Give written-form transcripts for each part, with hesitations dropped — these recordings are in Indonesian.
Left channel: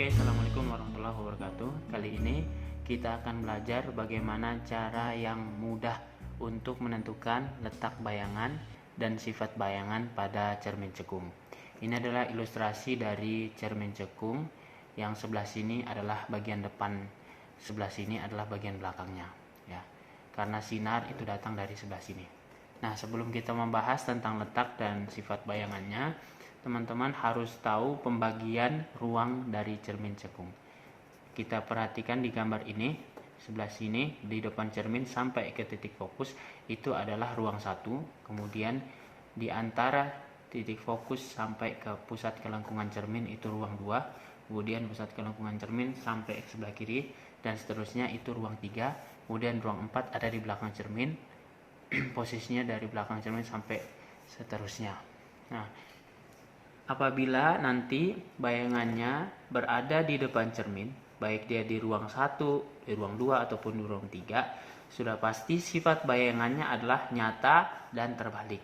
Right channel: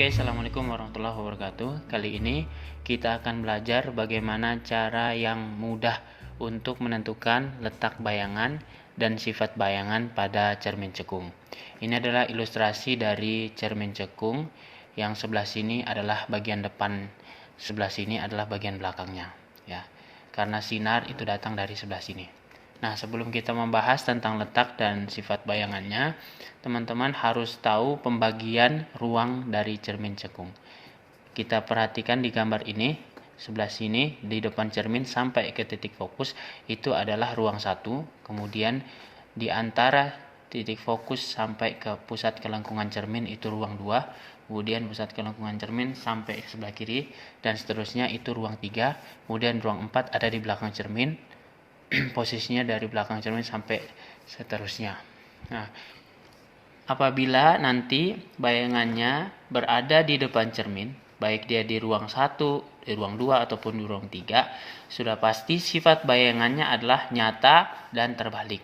Oke, Assalamualaikum warahmatullahi wabarakatuh. Kali ini kita akan belajar bagaimana cara yang mudah untuk menentukan letak bayangan dan sifat bayangan pada cermin cekung. Ini adalah ilustrasi dari cermin cekung. Yang sebelah sini adalah bagian depan, sebelah sini adalah bagian belakangnya, ya. Karena sinar itu datang dari sebelah sini. Nah, sebelum kita membahas tentang letak dan sifat bayangannya, teman-teman harus tahu pembagian ruang dari cermin cekung. Kita perhatikan di gambar ini, sebelah sini di depan cermin sampai ke titik fokus itu adalah ruang 1, kemudian di antara titik fokus sampai ke pusat kelengkungan cermin itu ruang 2, kemudian pusat kelengkungan cermin sampai ke sebelah kiri dan seterusnya itu ruang 3, kemudian ruang 4 ada di belakang cermin. Posisinya dari belakang cermin sampai seterusnya. Nah, apabila nanti bayangannya berada di depan cermin, baik dia di ruang 1, di ruang 2 ataupun di ruang 3, sudah pasti sifat bayangannya adalah nyata dan terbalik.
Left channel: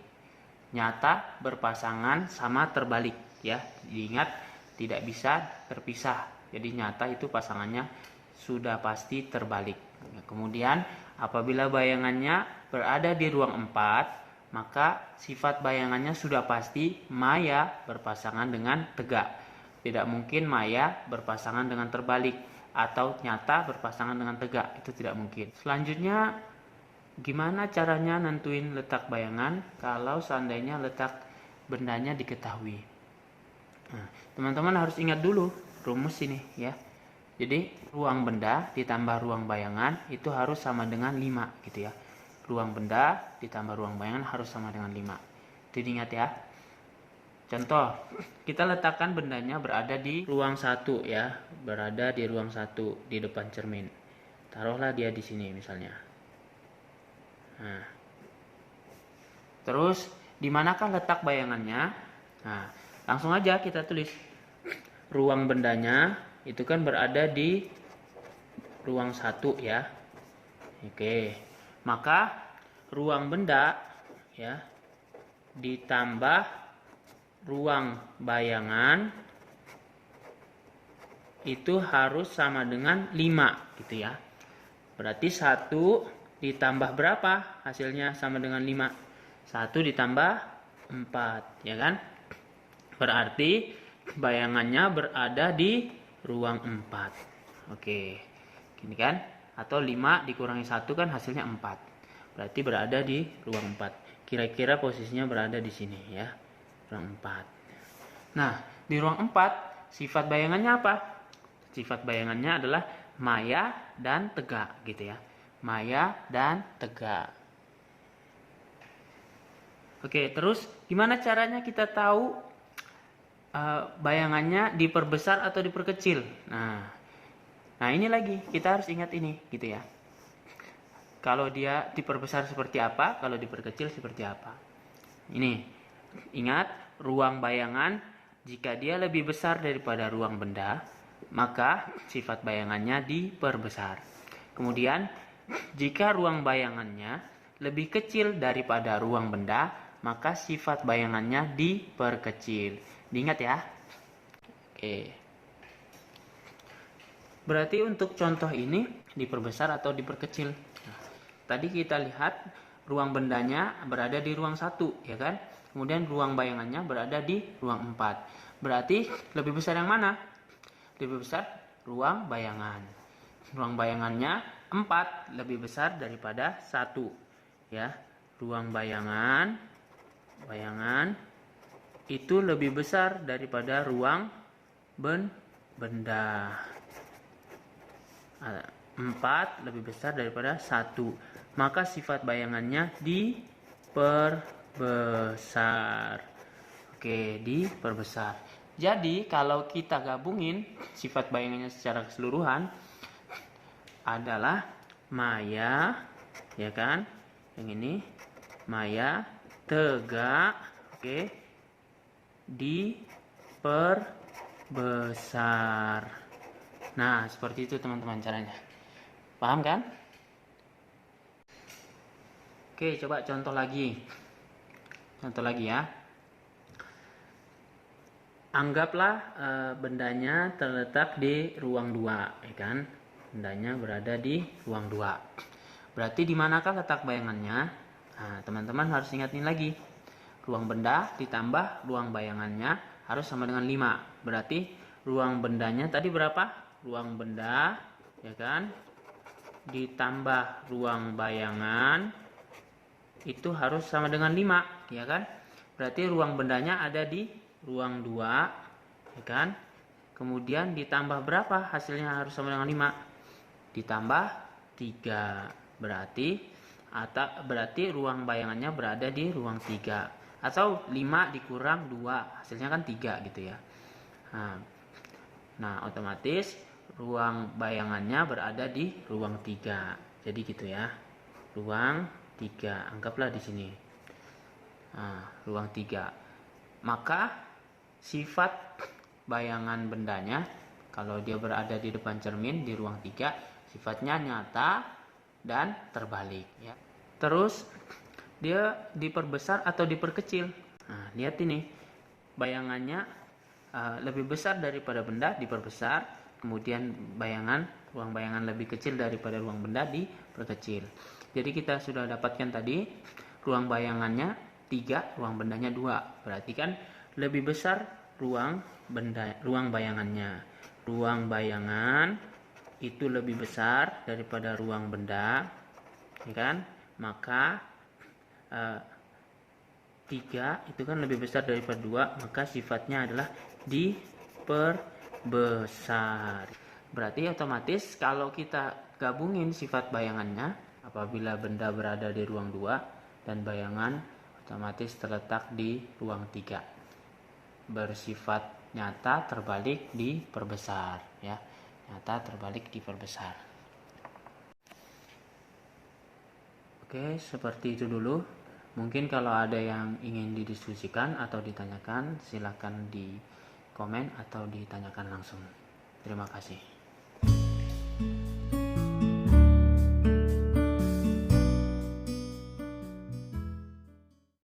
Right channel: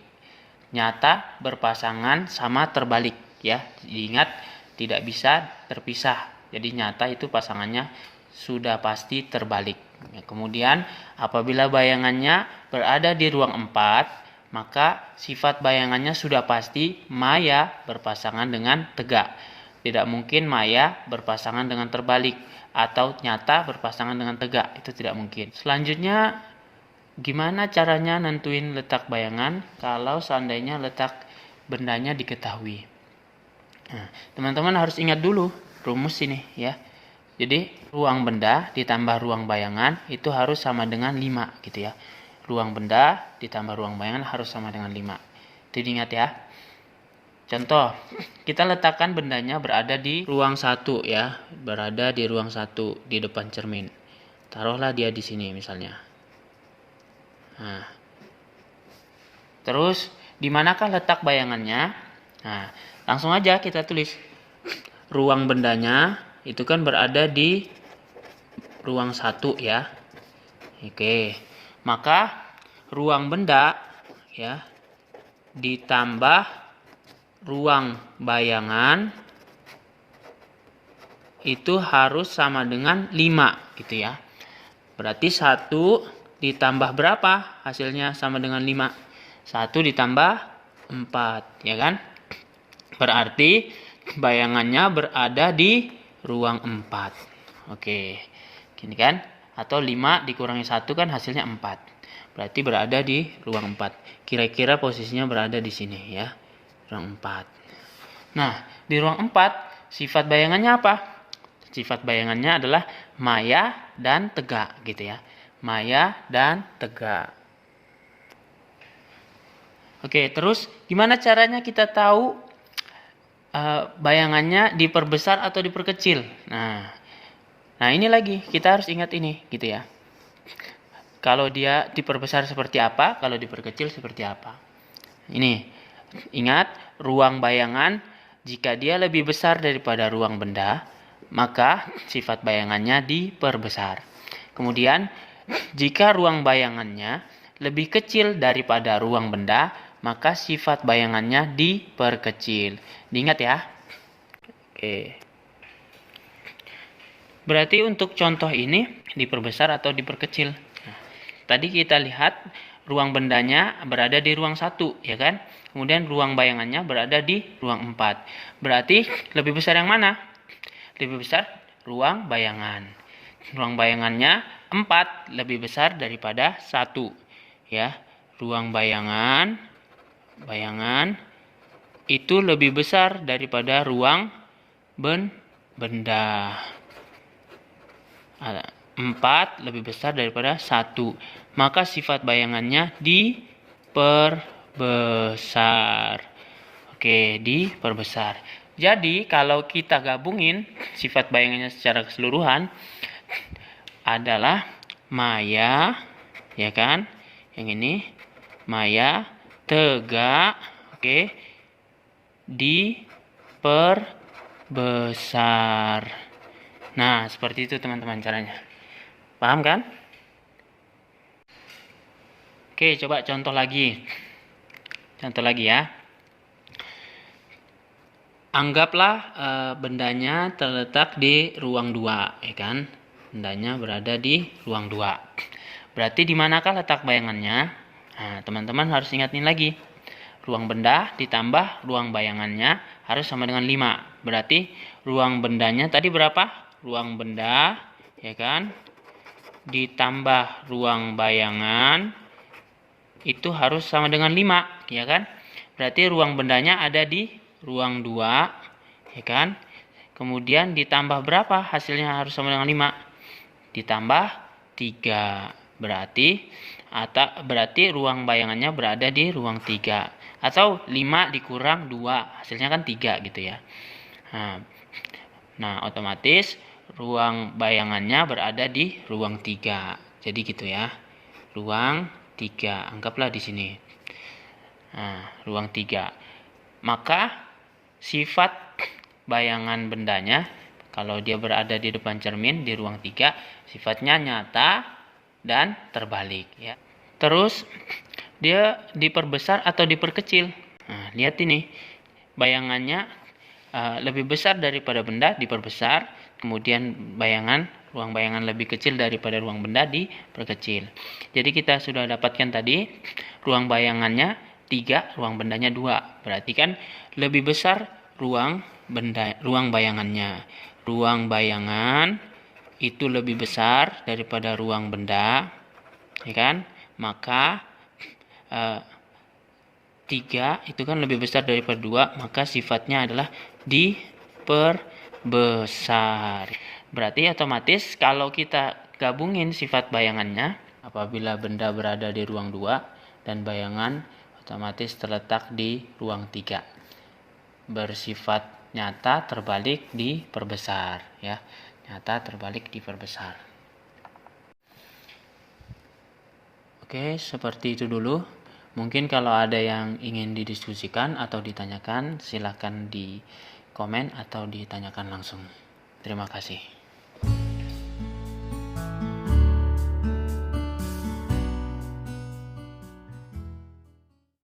Nyata berpasangan sama terbalik, ya. Diingat tidak bisa terpisah. Jadi nyata itu pasangannya sudah pasti terbalik. Kemudian apabila bayangannya berada di ruang 4, maka sifat bayangannya sudah pasti maya berpasangan dengan tegak. Tidak mungkin maya berpasangan dengan terbalik atau nyata berpasangan dengan tegak, itu tidak mungkin. Selanjutnya, gimana caranya nentuin letak bayangan kalau seandainya letak bendanya diketahui? Nah, teman-teman harus ingat dulu rumus ini, ya. Jadi ruang benda ditambah ruang bayangan itu harus sama dengan 5 gitu ya. Ruang benda ditambah ruang bayangan harus sama dengan 5. Itu diingat ya. Contoh, kita letakkan bendanya berada di ruang 1 ya. Berada di ruang 1 di depan cermin. Taruhlah dia di sini misalnya. Nah, terus di manakah letak bayangannya? Nah, langsung aja kita tulis. Ruang bendanya itu kan berada di ruang 1 ya. Oke. Maka ruang benda ya ditambah ruang bayangan itu harus sama dengan 5 gitu ya. Berarti 1 ditambah berapa? Hasilnya sama dengan 5. 1 ditambah 4 ya kan? Berarti bayangannya berada di ruang 4. Oke, gini kan? Atau 5 dikurangi 1 kan hasilnya 4. Berarti berada di ruang 4. Kira-kira posisinya berada di sini ya. Ruang 4. Nah, di ruang 4 sifat bayangannya apa? Sifat bayangannya adalah maya dan tegak gitu ya. Maya dan tegak. Oke, terus gimana caranya kita tahu bayangannya diperbesar atau diperkecil? Nah ini lagi kita harus ingat ini gitu ya. Kalau dia diperbesar seperti apa, kalau diperkecil seperti apa. Ini ingat, ruang bayangan jika dia lebih besar daripada ruang benda, maka sifat bayangannya diperbesar. Kemudian jika ruang bayangannya lebih kecil daripada ruang benda, maka sifat bayangannya diperkecil. Diingat ya. Oke. Berarti untuk contoh ini diperbesar atau diperkecil. Nah, tadi kita lihat ruang bendanya berada di ruang 1 ya kan. Kemudian ruang bayangannya berada di ruang 4. Berarti lebih besar yang mana? Lebih besar ruang bayangan. Ruang bayangannya 4 lebih besar daripada 1 ya. Ruang bayangan itu lebih besar daripada ruang benda. 4 lebih besar daripada 1. Maka sifat bayangannya diperbesar. Oke, diperbesar. Jadi kalau kita gabungin sifat bayangannya secara keseluruhan adalah maya, ya kan? Yang ini maya, tegak, oke, diperbesar. Nah, seperti itu teman-teman caranya. Paham kan? Oke, coba contoh lagi. Contoh lagi ya. Anggaplah bendanya terletak di ruang 2, ya kan? Bendanya berada di ruang 2. Berarti di manakah letak bayangannya? Nah, teman-teman harus ingatin lagi. Ruang benda ditambah ruang bayangannya harus sama dengan 5. Berarti ruang bendanya tadi berapa? Ruang benda, ya kan? Ditambah ruang bayangan itu harus sama dengan 5, ya kan? Berarti ruang bendanya ada di ruang 2, ya kan? Kemudian ditambah berapa? Hasilnya harus sama dengan 5. Ditambah 3. Berarti ruang bayangannya berada di ruang 3. Atau 5 dikurang 2, hasilnya kan 3 gitu ya. Nah, otomatis ruang bayangannya berada di ruang 3. Jadi gitu ya. Ruang 3, anggaplah di sini. Nah, ruang 3. Maka sifat bayangan bendanya kalau dia berada di depan cermin di ruang 3, sifatnya nyata dan terbalik ya. Terus dia diperbesar atau diperkecil. Nah, lihat ini. Bayangannya lebih besar daripada benda diperbesar, kemudian ruang bayangan lebih kecil daripada ruang benda diperkecil. Jadi kita sudah dapatkan tadi ruang bayangannya 3, ruang bendanya 2. Berarti kan lebih besar ruang bayangannya. Ruang bayangan itu lebih besar daripada ruang benda, ya kan? Maka 3 itu kan lebih besar daripada 2, maka sifatnya adalah diperbesar. Berarti otomatis kalau kita gabungin sifat bayangannya, apabila benda berada di ruang 2 dan bayangan otomatis terletak di ruang 3, bersifat nyata terbalik diperbesar ya. Nyata terbalik diperbesar. Oke, seperti itu dulu. Mungkin kalau ada yang ingin didiskusikan atau ditanyakan, silakan di komen atau ditanyakan langsung. Terima kasih.